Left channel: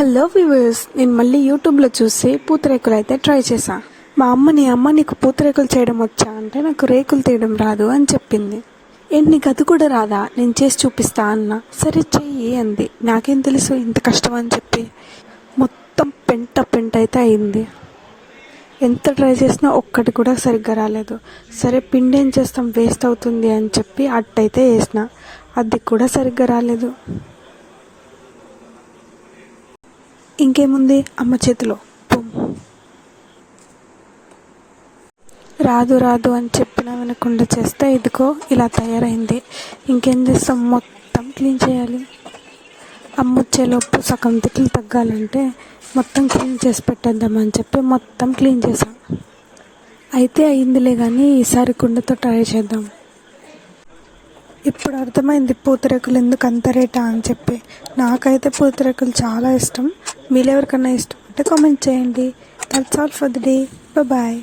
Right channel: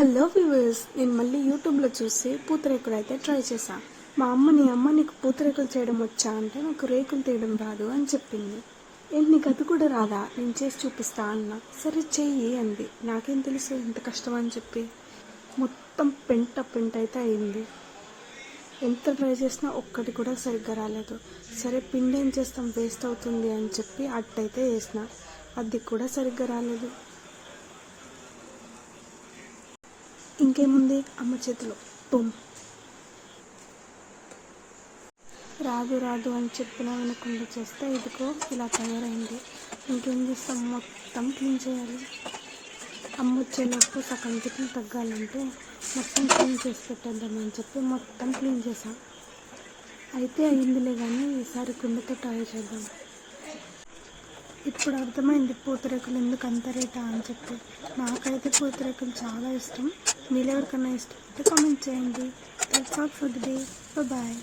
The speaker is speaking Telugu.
హలో వ్యూవర్స్, నేను మళ్ళీ యూట్యూబ్లో చూసి పూతరేకులు అయితే ట్రై చేశాను. మా అమ్మ నీకు పూతరేకులు చేయడం వచ్చా అంటే నాకు రేకులు తీయడం రాదు అని చెప్పింది. నీకు అది కూడా రాదా, నేను చేసి చూపిస్తా అన్నా. సరే చెయ్యి అంది. నాకేం తెలుసు ఇంత కష్టం అని చెప్పి. మొత్తం పెంట అయితే అయింది. ఎంత ట్రై చేసినా ఒక్కటి కూడా సరిగ్గా రాలేదు. సరే పిండి ఏం చేస్తాం, వేస్ట్ అవుతుంది అని చెప్పి అట్టయితే వేసిన, అది కూడా సరిగ్గా రాలేదు. ఇంకేముంది, అమ్మ చేతిలో రాదు అని చెప్పినా వినకుండా చేస్తే ఇదిగో ఇలా తయారైంది. ఇంకేం చేస్తాం, మొత్తం క్లీన్ చేయాలి. అమ్మ వచ్చేలోపు సగం తిట్లు తగ్గాలంటే మొత్తం క్లీన్ చేసి పెట్టేద్దామని చెప్పి మొత్తం క్లీన్ చేసాం. అయితే అయిందిలే కానీ ఈసారి కుండతో ట్రై చేద్దాం. ఇప్పుడు అర్థమైంది పూతరేకులు ఎందుకు అంత రేటా అని చెప్పి. నాకైతే పూతరేకులు చాలా ఇష్టం. మీరెవరికన్నా ఇష్టం అంటే కామెంట్ చేయండి. That's all for the day. Bye.